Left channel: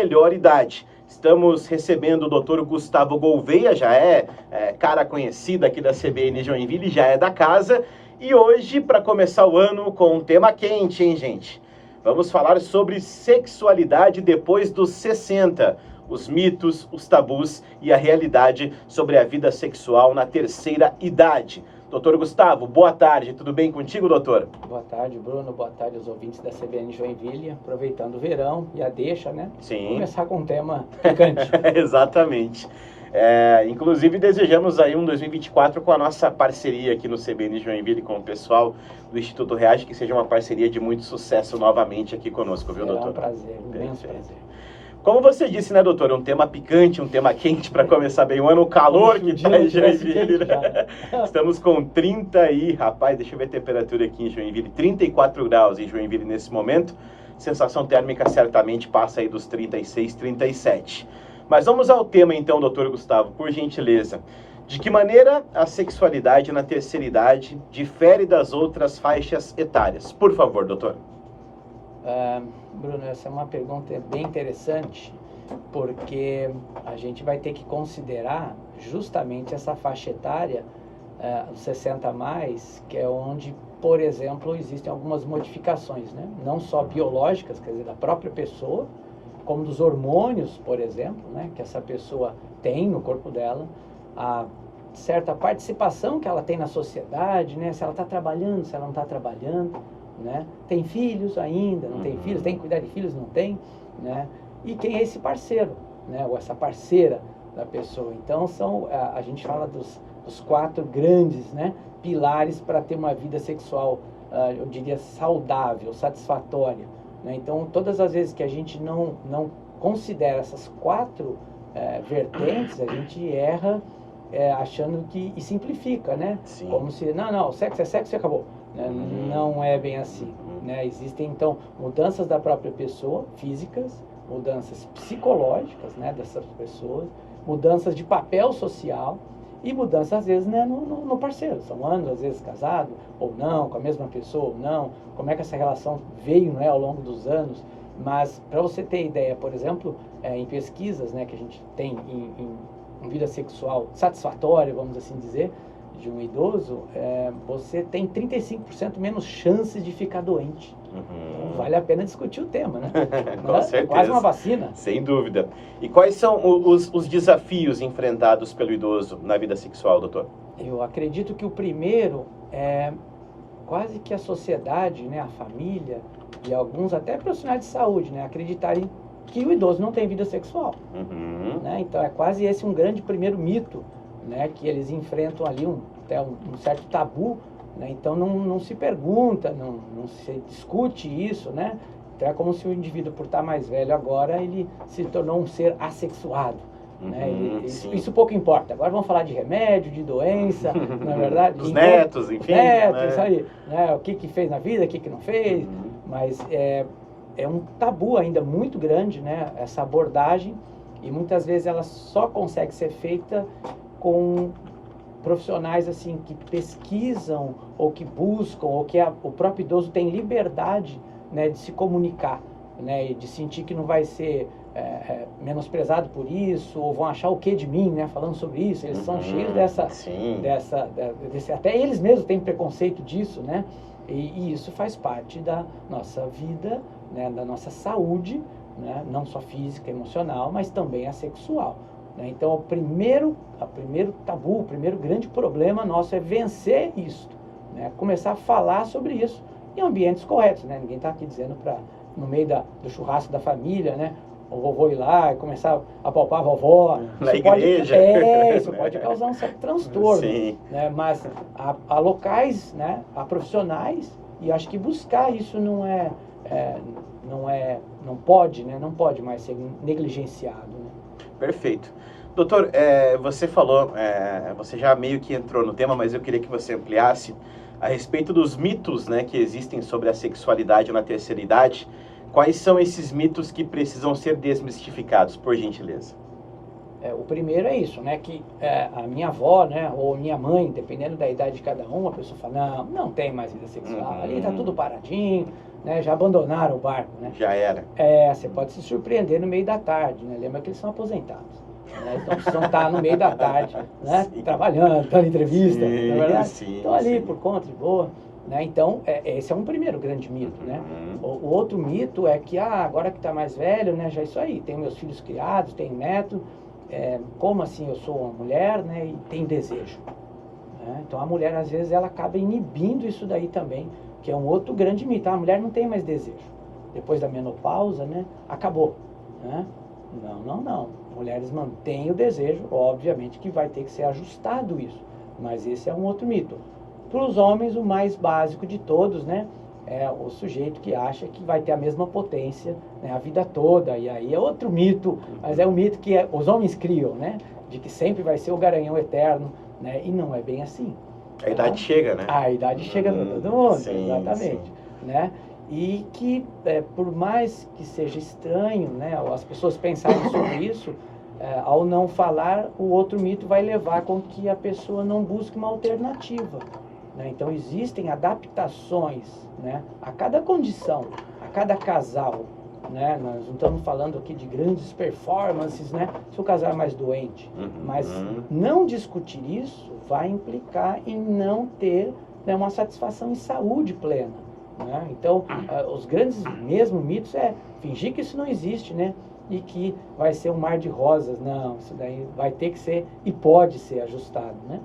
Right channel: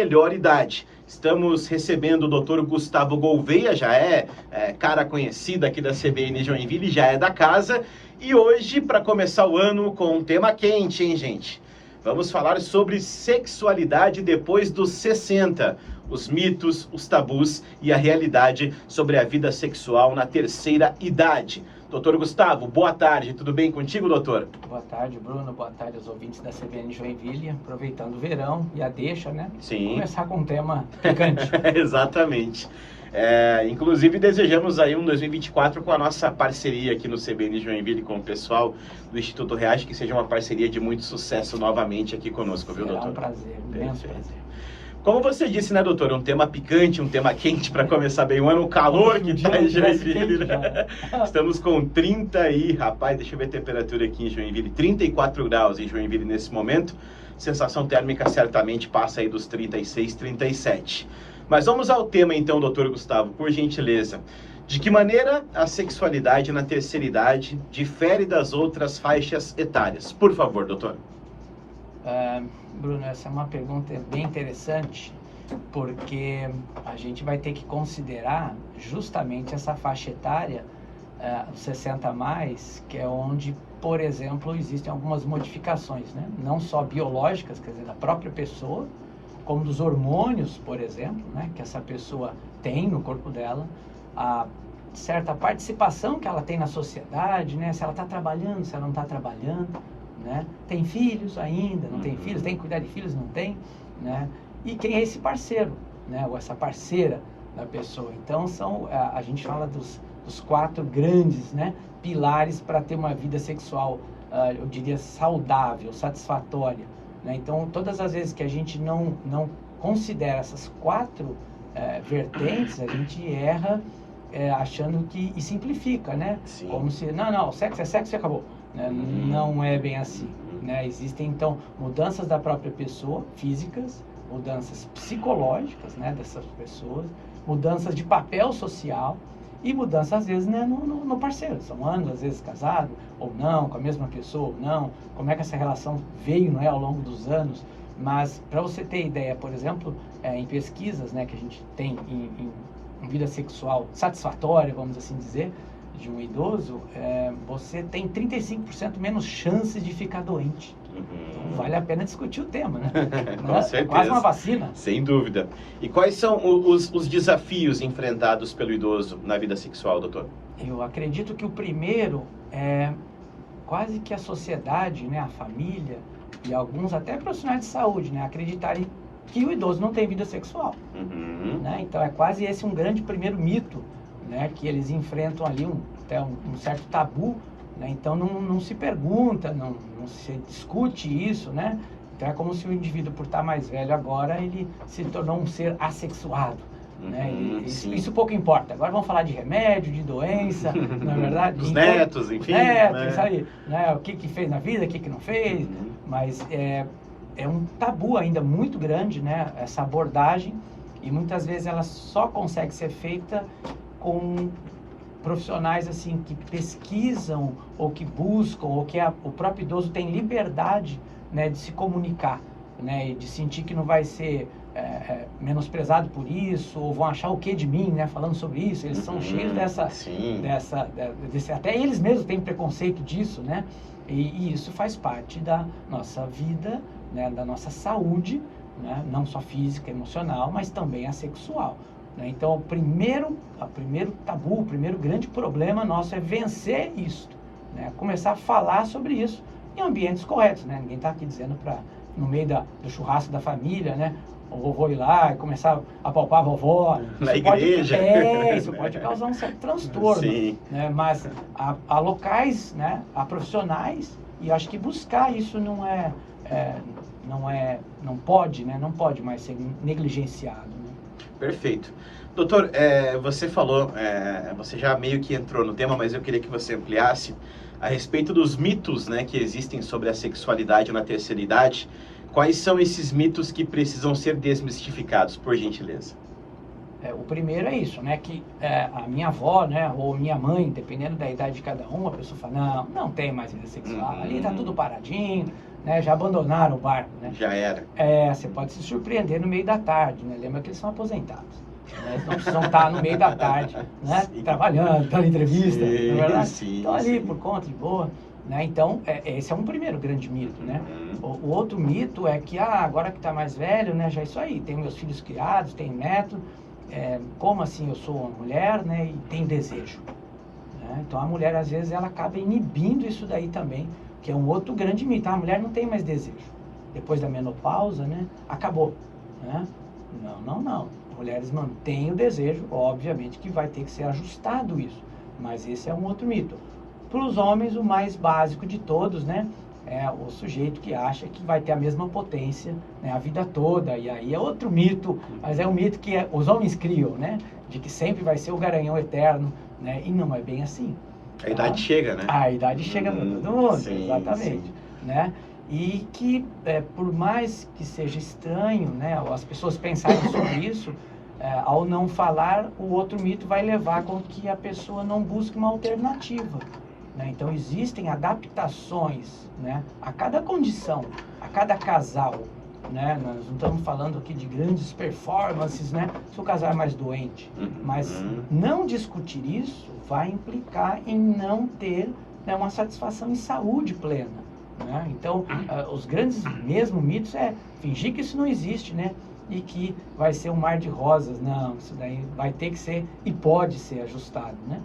melhor idade. Estamos recebendo o Dr. Gustavo Gouveia, já é cara conhecida aqui da CBN Joinville, já é da casa. E hoje, para começar o ano com um tema quente, hein, gente? Vamos falar sobre sexualidade depois dos 60. Os mitos, os tabus e a realidade sobre a vida sexual na terceira idade. Doutor Gustavo, boa tarde. Tudo bem contigo, doutor? Boa tarde, Bruno. Boa tarde aos ouvintes da CBN Joinville. Aproveitando o verão e a deixa, né? Sim. Começar com um tema picante. Exatamente. Inclusive, desejamos aí um 2024 com a nossa parceria aqui no CBN Joinville com o pessoal do Instituto Reage, que seja uma parceria de muito sucesso novamente aqui conosco, viu, doutor? Será um prazer, um imenso prazer. Como você disse, né, doutor? Um tema picante, um tema quente para começar bem o ano, o calor que está em Joinville. Né? Estamos com 30 aí, rapaz, deixa eu ver a temperatura aqui em Joinville, 34 graus em Joinville nesse momento. Sensação térmica certamente passa aí dos 36, 37. Mas vamos ao tema então, doutor Gustavo, por gentileza. De que maneira a sexualidade na terceira idade difere das outras faixas etárias? Por favor, doutor. Bruno, essa é uma pergunta bem interessante, porque a gente vai ter que considerar justamente essa faixa etária, os 60 a mais, que é onde, por exemplo, existem algumas modificações, né? Não só biológicas, quer dizer, da própria pessoa, como dos hormônios, por exemplo, né? Que essa pessoa tem no corpo dela, a certa participação que ela tem na sociedade, né? Se ela está trabalhando, se ela não está trabalhando, né? Tem filhos ainda, não tem filhos, tem que cuidar de filhos, não tem, né? E quem é esse parceiro, né? Ou essa parceira da pessoa. Então, a gente fala dos 4 grandes, né, pilares para ter uma vida sexual, eu diria, saudável, satisfatória, né? Então, todas as vezes que a gente não considera essas 4 vertentes, a gente erra achando que, e simplifica, né? Sim. Como se, não, sexo é sexo e acabou. Né? Não é bem assim, né? Existem, então, mudanças da própria pessoa, físicas, mudanças psicológicas, né, dessas pessoas, mudanças de papel social e mudanças, às vezes, né, no parceiro. São anos, às vezes, casado ou não, com a mesma pessoa ou não, como é que essa relação veio, né, ao longo dos anos. Mas, para você ter ideia, por exemplo, em pesquisas, né, que a gente tem em vida sexual satisfatória, vamos assim dizer, de um idoso, você tem 35% menos chances de ficar doente. Então, vale a pena discutir o tema, né? É quase uma vacina. Sem dúvida. E quais são os desafios enfrentados pelo idoso na vida sexual, doutor? Eu acredito que o primeiro é quase que a sociedade, né, a família e alguns até profissionais de saúde, né, acreditarem que o idoso não tem vida sexual. Né? Então, é quase esse um grande primeiro mito, né, que eles enfrentam ali até um certo tabu, né? Então não se pergunta, não se discute isso, né? Então é como se o indivíduo, por estar mais velho agora, ele se tornou um ser assexuado, né? Isso pouco importa. Agora vamos falar de remédio, de doença, não é verdade? Os netos, enfim. Netos, isso aí, né? O que fez na vida, o que não fez, mas é um tabu ainda muito grande, né? Essa abordagem, e muitas vezes ela só consegue ser feita com profissionais assim que pesquisam ou que buscam, ou que o próprio idoso tem liberdade, né, de se comunicar, né, e de sentir que não vai ser menosprezado por isso, ou vão achar o que de mim, né, falando sobre isso. Eles são cheios até eles mesmos têm preconceito disso, né, e isso faz parte da nossa vida, né, da nossa saúde, né, não só física, emocional, mas também a sexual. Então, o primeiro tabu, o primeiro grande problema nosso é vencer isso, né? Começar a falar sobre isso em ambientes corretos, né? Ninguém está aqui dizendo para, no meio do churrasco da família, né, o vovô ir lá e começar a palpar a vovó. Isso pode causar um certo transtorno. Sim. Né? Mas há locais, né, há profissionais, e acho que buscar isso não pode, né? Não pode mais ser negligenciado, né? Perfeito. Doutor, você falou, você já meio que entrou no tema, mas eu queria que você ampliasse a respeito dos mitos, né, que existem sobre a sexualidade na terceira idade. Quais são esses mitos que precisam ser desmistificados, por gentileza? O primeiro é isso, né, que a minha avó, né, ou minha mãe, dependendo da idade de cada um, a pessoa fala, não tem mais vida sexual, ali tá tudo paradinho, né, já abandonaram o barco, né? Já era. Você pode se surpreender no meio da tarde, né? Lembra que eles são aposentados, né? Eles não precisam estar no meio da tarde, né? Trabalhando, dando entrevista, Sim, na verdade? sim, Estão ali sim. por conta de boa, né? Então, esse é um primeiro grande mito, né? O outro mito é que, agora que está mais velho, né? Já é isso aí, tenho meus filhos criados, tenho neto, como assim eu sou uma mulher, né? E tenho desejo, né? Então, a mulher, às vezes, ela acaba inibindo isso daí também, que é um outro grande mito. A mulher não tem mais desejo. Depois da menopausa, né? Acabou, né? Não. Mulheres mantêm o desejo, obviamente que vai ter que ser ajustado isso. Mas esse é um outro mito. Para os homens, o mais básico de todos, né? É o sujeito que acha que vai ter a mesma potência, né, a vida toda. E aí é outro mito, mas é um mito que os homens criam, né? De que sempre vai ser o garanhão eterno, né? E não é bem assim. A idade chega, né? A idade chega para todo mundo, Sim, exatamente. sim. Né? E que, por mais que seja estranho, né, as pessoas pensarem sobre isso, ao não falar, o outro mito vai levar com que a pessoa não busque uma alternativa. Né? Então, existem adaptações, né, a cada condição, a cada casal. Né? Nós não estamos falando aqui de grandes performances, né, se o casal é mais doente. Mas não discutir isso vai implicar em não ter, né, uma satisfação em saúde plena. Né? Então, os grandes mesmo mitos é fingir que isso não existe, né? E que vai ser um mar de rosas. Não, isso daí vai ter que ser e pode ser ajustado, né?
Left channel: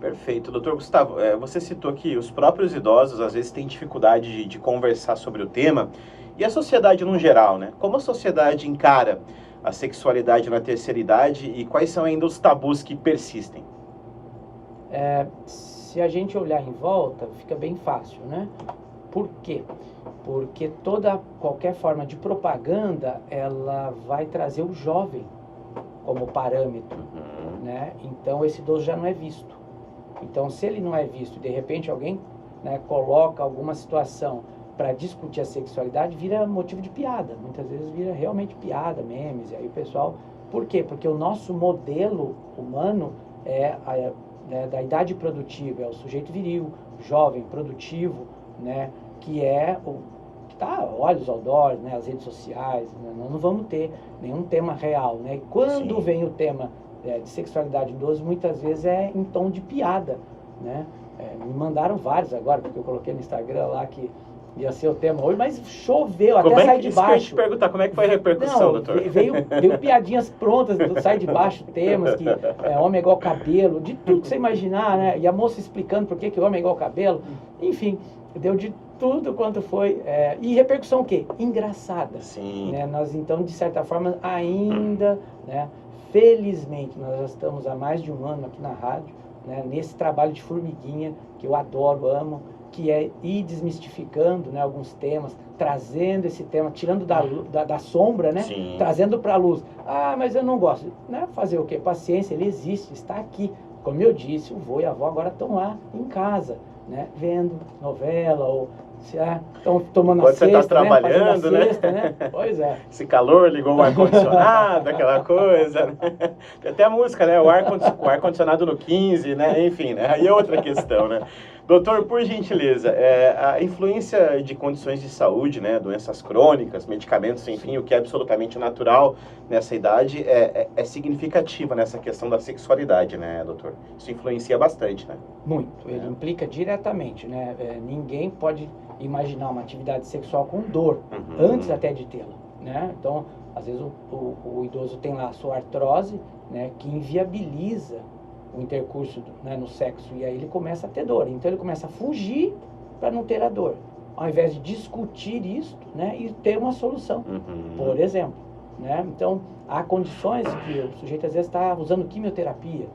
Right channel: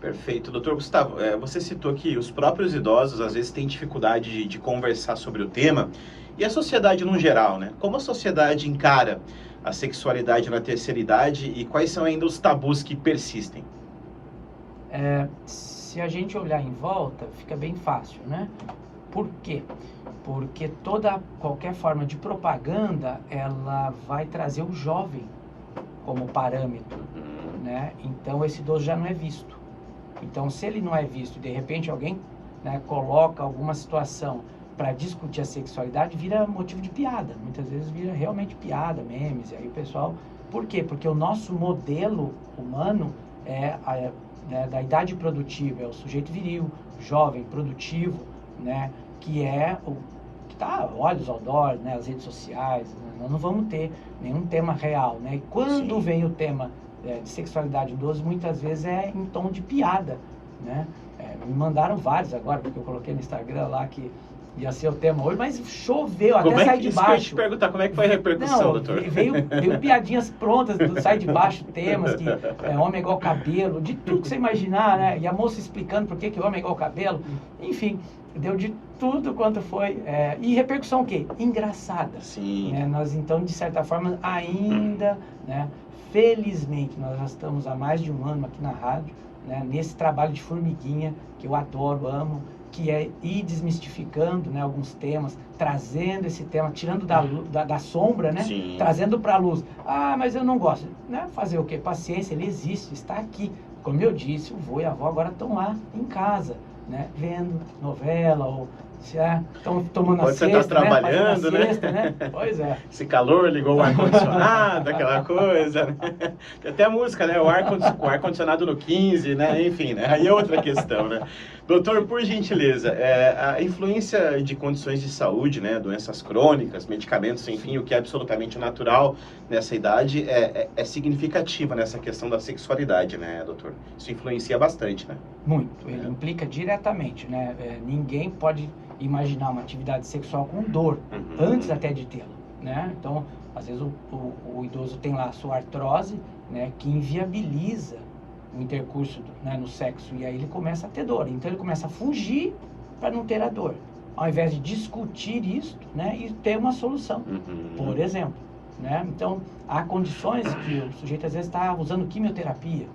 Perfeito. Doutor Gustavo, você citou que os próprios idosos às vezes têm dificuldade de conversar sobre o tema, e a sociedade no geral, né? Como a sociedade encara a sexualidade na terceira idade e quais são ainda os tabus que persistem? Se a gente olhar em volta, fica bem fácil, né? Por quê? Porque qualquer forma de propaganda, ela vai trazer o jovem como parâmetro, né? Então, esse idoso já não é visto. Então, se ele não é visto, de repente alguém, né, coloca alguma situação para discutir a sexualidade, vira motivo de piada. Muitas vezes vira realmente piada, memes, e aí o pessoal... Por quê? Porque o nosso modelo humano né, da idade produtiva, é o sujeito viril, jovem, produtivo, né, que é o que está olhos ao dor, né, as redes sociais, né, nós não vamos ter nenhum tema real, né? E quando Sim. vem o tema de sexualidade em idoso, muitas vezes é em tom de piada, né? Me mandaram vários agora, porque eu coloquei no Instagram lá que ia ser o tema hoje, mas choveu, até sair de baixo. Isso que eu ia te perguntar, como é que foi a repercussão, Não, doutor? veio piadinhas prontas, sai de baixo, temas que homem é igual cabelo, de tudo que você imaginar, né? E a moça explicando por que homem é igual cabelo, enfim, deu de tudo quanto foi. E repercussão o quê? Engraçada. Sim. Né? Nós, então, de certa forma, ainda, né, felizmente, nós já estamos há mais de um ano aqui na rádio, né, nesse trabalho de formiguinha, que eu adoro, amo, que é ir desmistificando, né, alguns temas, trazendo esse tema, tirando da sombra, né, Sim. trazendo para a luz. Mas eu não gosto. Né? Fazer o quê? Paciência, ele existe, está aqui. Como eu disse, o vô e a avó agora estão lá em casa, né, vendo novela ou estão tomando a siesta, né? Fazendo a siesta, né? Pois é. Esse calor ligou o ar-condicionado, aquela coisa, né? Tem até a música, né? O ar-condicionado no 15, né? Enfim, né? Aí é outra questão, né? Doutor, por gentileza, a influência de condições de saúde, né? Doenças crônicas, medicamentos, enfim, o que é absolutamente natural nessa idade é significativa nessa questão da sexualidade, né, doutor? Isso influencia bastante, né? Muito. Ele implica diretamente, né? Ninguém pode imaginar uma atividade sexual com dor, antes até de tê-la, né? Então, às vezes o idoso tem lá a sua artrose, né, que inviabiliza o intercurso, né, no sexo, e aí ele começa a ter dor. Então, ele começa a fugir para não ter a dor, ao invés de discutir isso, né, e ter uma solução, por exemplo, né? Então, há condições que o sujeito às vezes está usando quimioterapia,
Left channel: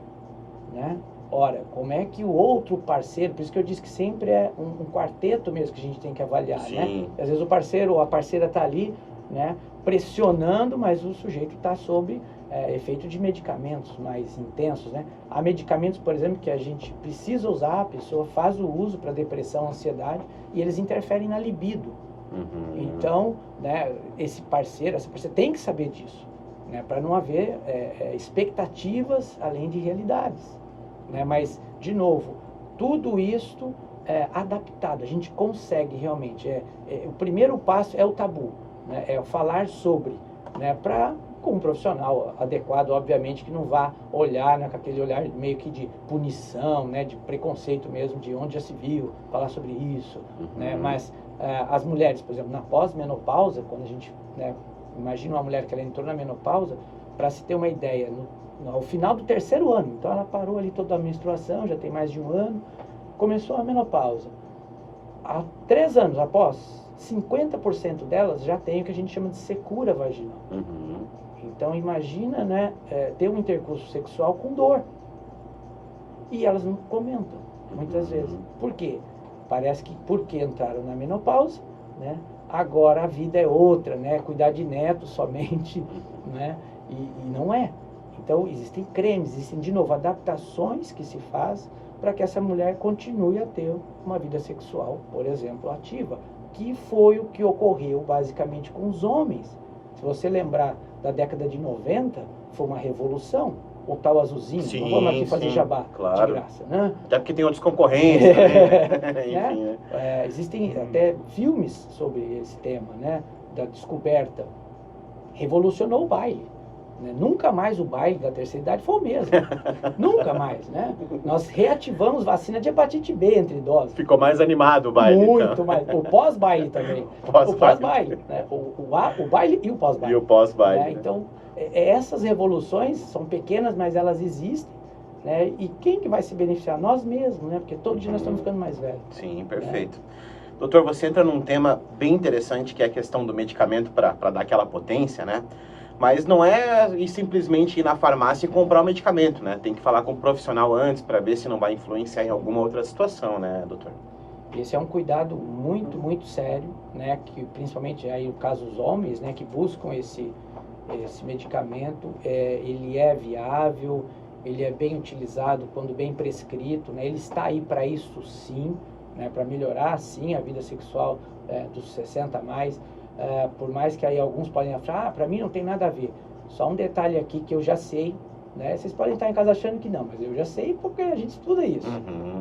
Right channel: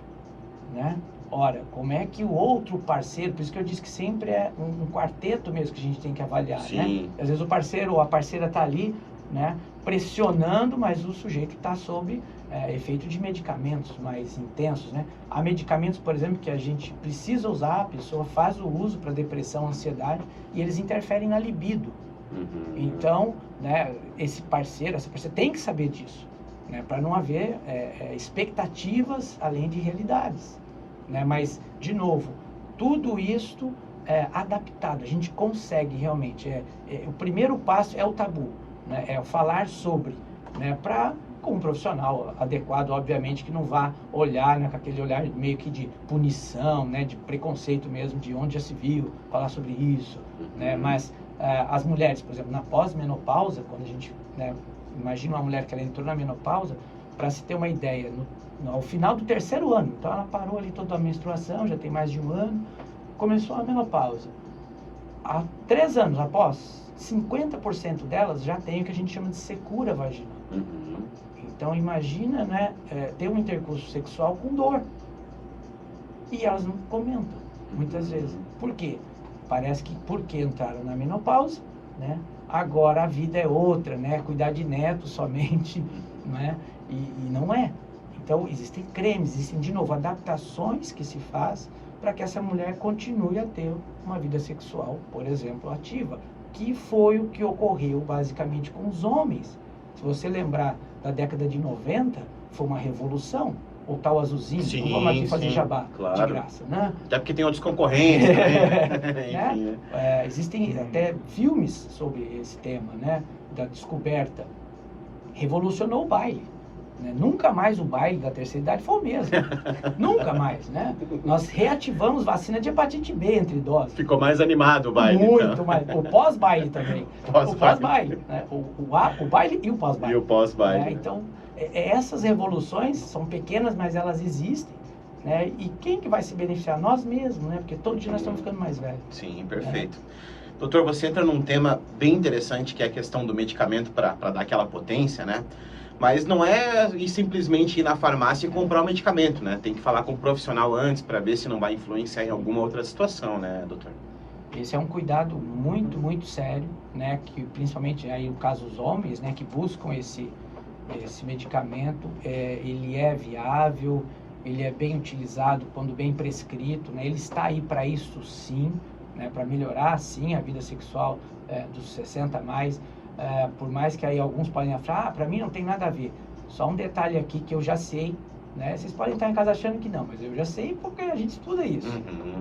né? Ora, como é que o outro parceiro, por isso que eu disse que sempre é um quarteto mesmo que a gente tem que avaliar, Sim. Né? Às vezes o parceiro ou a parceira está ali, né, pressionando, mas o sujeito está sob efeito de medicamentos mais intensos, né? Há medicamentos, por exemplo, que a gente precisa usar, a pessoa faz o uso para depressão, ansiedade, e eles interferem na libido. Então, né, essa parceira tem que saber disso, né, para não haver expectativas além de realidades. Né? Mas, de novo, tudo isto adaptado, a gente consegue realmente. O primeiro passo é o tabu, né? É o falar sobre, né? Com um profissional adequado, obviamente, que não vá olhar, né, com aquele olhar meio que de punição, né, de preconceito mesmo, de onde já se viu, falar sobre isso, né? Mas as mulheres, por exemplo, na pós-menopausa, quando a gente, né, imagina uma mulher que ela entrou na menopausa, para se ter uma ideia, ao final do 3º ano, então ela parou ali toda a menstruação, já tem mais de 1 ano, começou a menopausa. Há 3 anos após, 50% delas já tem o que a gente chama de secura vaginal. Então imagina, né, ter um intercurso sexual com dor. E elas não comentam, muitas vezes. Por quê? Parece que porque entraram na menopausa, né, agora a vida é outra, né, cuidar de netos somente, né, e não é. Então existem cremes, existem de novo adaptações que se faz para que essa mulher continue a ter uma vida sexual, por exemplo, ativa, que foi o que ocorreu basicamente com os homens. Se você lembrar da década de 90, foi uma revolução. O tal azulzinho, Sim, não vamos aqui fazer jabá claro. de graça, né? Até porque tem outros concorrentes também, né? Existem até filmes sobre esse tema, né? Da descoberta. Revolucionou o baile. Né? Nunca mais o baile da terceira idade foi o mesmo. Nunca mais, né? Nós reativamos vacina de hepatite B entre idosos. Ficou mais animado o baile. Muito então. mais. O pós-baile também. O pós-baile. Né? O baile e o pós-baile. E o pós-baile. Né? Então, essas revoluções são pequenas, mas elas existem. Né? E quem que vai se beneficiar? Nós mesmos, né? Porque todo dia nós estamos ficando mais velhos. Sim, perfeito. Né? Doutor, você entra num tema bem interessante, que é a questão do medicamento para dar aquela potência, né? Mas não é simplesmente ir na farmácia e comprar o medicamento, né? Tem que falar com um profissional antes para ver se não vai influenciar em alguma outra situação, né, doutor? Esse é um cuidado muito, muito sério, né? Que principalmente aí o caso dos homens, né? Que buscam esse medicamento, ele é viável, ele é bem utilizado quando bem prescrito, né? Ele está aí para isso sim, né? Para melhorar sim a vida sexual dos 60 a mais. Por mais que aí alguns podem falar, para mim não tem nada a ver. Só um detalhe aqui que eu já sei, né? Vocês podem estar em casa achando que não, mas eu já sei porque a gente estuda isso,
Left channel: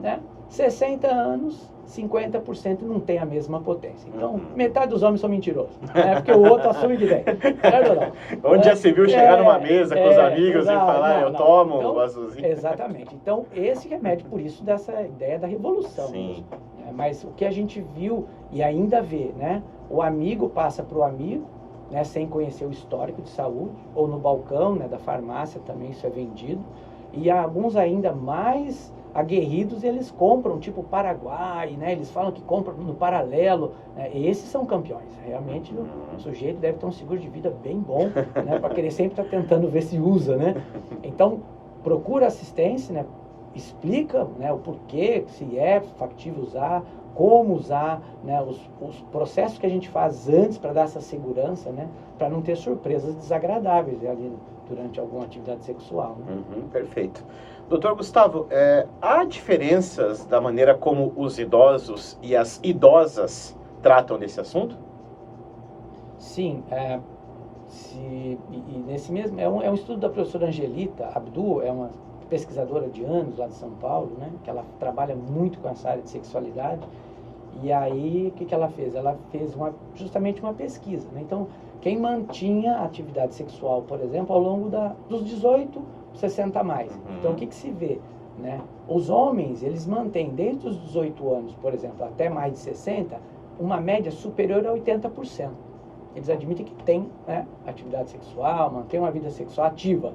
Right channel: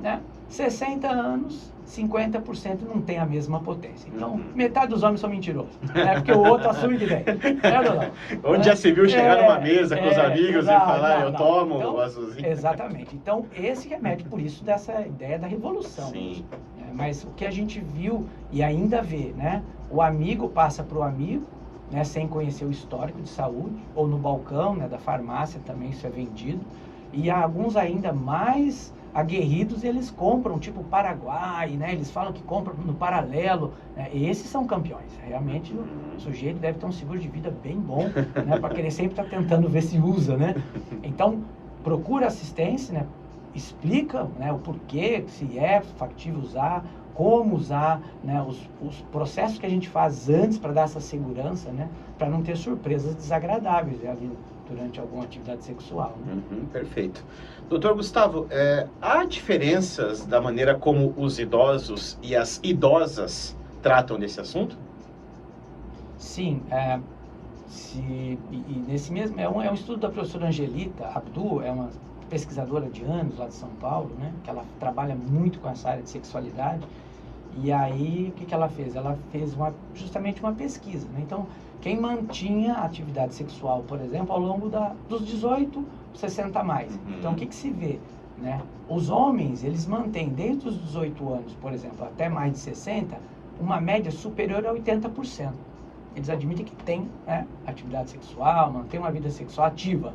né? 60 anos, 50% não tem a mesma potência. Então, metade dos homens são mentirosos, né? Porque o outro assume que tem. Onde já se viu chegar numa mesa com os amigos e falar, eu tomo então, azulzinho. Exatamente. Então, esse remédio, por isso, dessa ideia da revolução. Sim. Mesmo, né? Mas o que a gente viu e ainda vê, né? O amigo passa para o amigo, né? Sem conhecer o histórico de saúde, ou no balcão, né? Da farmácia também isso é vendido. E alguns ainda mais aguerridos, eles compram, tipo Paraguai, né? Eles falam que compram no paralelo, né? Esses são campeões. Realmente o sujeito deve ter um seguro de vida bem bom, né? Para querer sempre estar tentando ver se usa, né? Então, procura assistência, né? Explica, né, o porquê, se é factível usar, como usar, né, os processos que a gente faz antes para dar essa segurança, né? Para não ter surpresas desagradáveis ali durante alguma atividade sexual. Né? Perfeito. Doutor Gustavo, há diferenças da maneira como os idosos e as idosas tratam desse assunto? Sim. Nesse mesmo, é um estudo da professora Angelita Abdu, é uma pesquisadora de anos lá de São Paulo, né? Que ela trabalha muito com essa área de sexualidade. E aí, o que ela fez? Ela fez justamente uma pesquisa, né? Então, quem mantinha atividade sexual, por exemplo, ao longo dos 18, 60 a mais. Então, o que se vê? Né? Os homens, eles mantêm desde os 18 anos, por exemplo, até mais de 60, uma média superior a 80%. Eles admitem que tem, né, atividade sexual, mantém uma vida sexual ativa.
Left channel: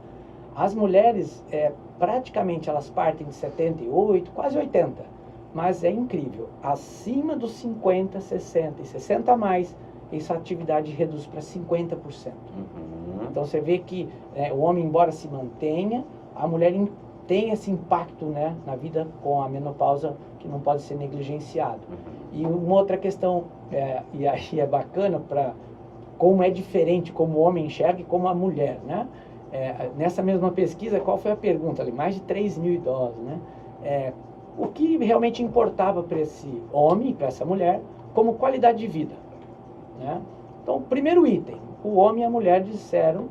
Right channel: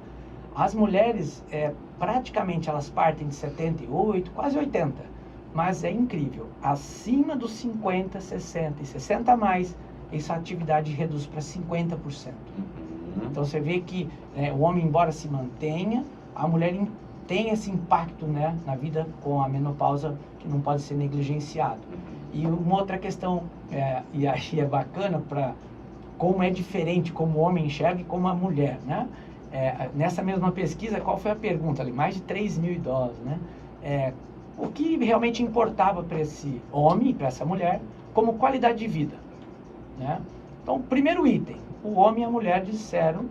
As mulheres, praticamente, elas partem de 78, quase 80. Mas é incrível, acima dos 50, 60 e 60 a mais, essa atividade reduz para 50%. Então você vê que o homem, embora se mantenha, a mulher tem esse impacto, né, na vida com a menopausa que não pode ser negligenciado. E uma outra questão, e aí é bacana para como é diferente, como o homem enxerga e como a mulher, né? Nessa mesma pesquisa, qual foi a pergunta ali? Mais de 3 mil idosos, né? O que realmente importava para esse homem, para essa mulher, como qualidade de vida, né? Então, primeiro item, o homem e a mulher disseram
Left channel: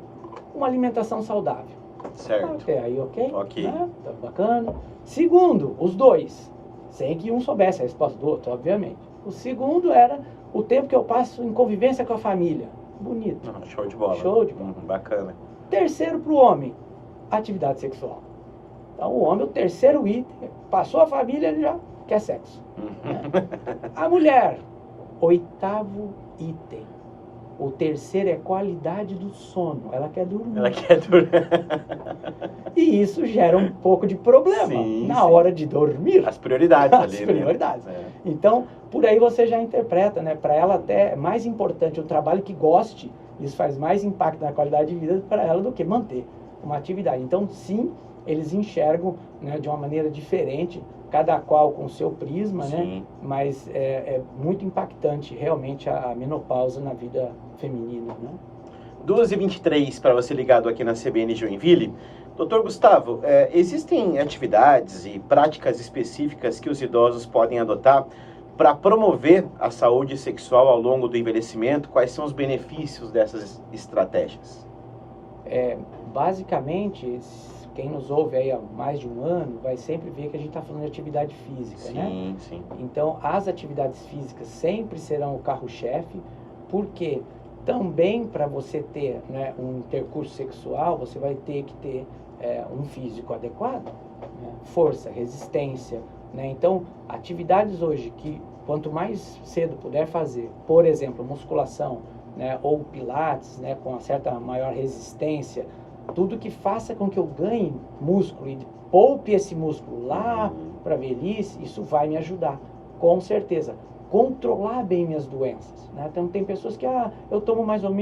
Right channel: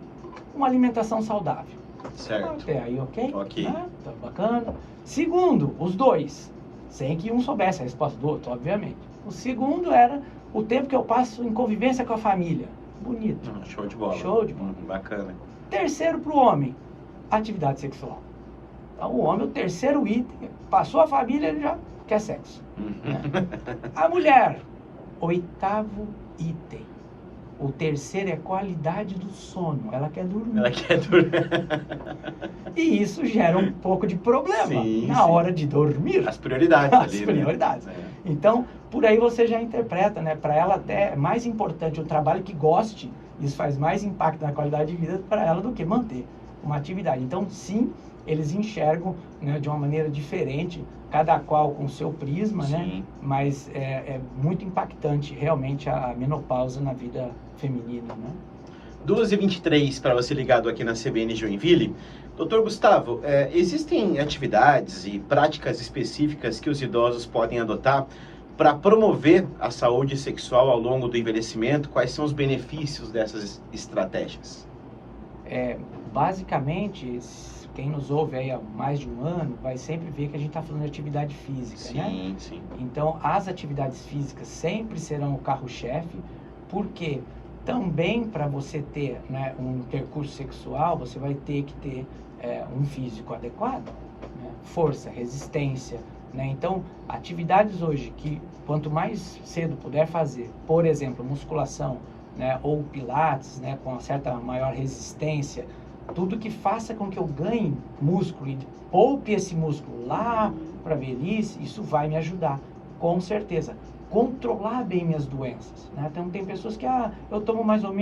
uma alimentação saudável. Certo. Até aí, ok? Ok. Né? Tá bacana. Segundo, os dois, sem que um soubesse a resposta do outro, obviamente. O segundo era o tempo que eu passo em convivência com a família. Bonito. Show de bola. Show de bola. Bacana. Terceiro para o homem, atividade sexual. Então o homem, o terceiro item, passou a família, ele já quer sexo. Né? A mulher, oitavo item. O terceiro é qualidade do sono. Ela quer dormir. Ela quer dormir. E isso gera um pouco de problema na hora de dormir. As prioridades ali. As prioridades. Né? Então, por aí você já interpreta, né? Para ela até é mais importante um trabalho que goste. Isso faz mais impacto na qualidade de vida para ela do que manter uma atividade. Então, sim, eles enxergam, né, de uma maneira diferente, cada qual com o seu prisma, né? Mas é muito impactante realmente a menopausa na vida feminina, né? 12h23 para você ligado aqui na CBN Joinville. Doutor Gustavo, existem atividades e práticas específicas que os idosos podem adotar para promover a saúde sexual ao longo do envelhecimento? Quais são os benefícios dessas estratégias? Basicamente, quem nos ouve aí há mais de um ano vai sempre ver que a gente está falando de atividade física, né? Sim. Então, as atividades físicas sempre serão o carro-chefe, porque também para você ter, né, um percurso sexual, você vai ter que ter um físico adequado, né? Força, resistência, né? Então, atividades hoje que quanto mais cedo puder fazer, por exemplo, musculação, né, ou pilates, né, com uma certa maior resistência, tudo que faça com que eu ganhe músculo e poupe esse músculo lá para a velhice, isso vai me ajudar, com certeza. Controlar bem minhas doenças, né? Então tem pessoas que, eu tomo mais ou menos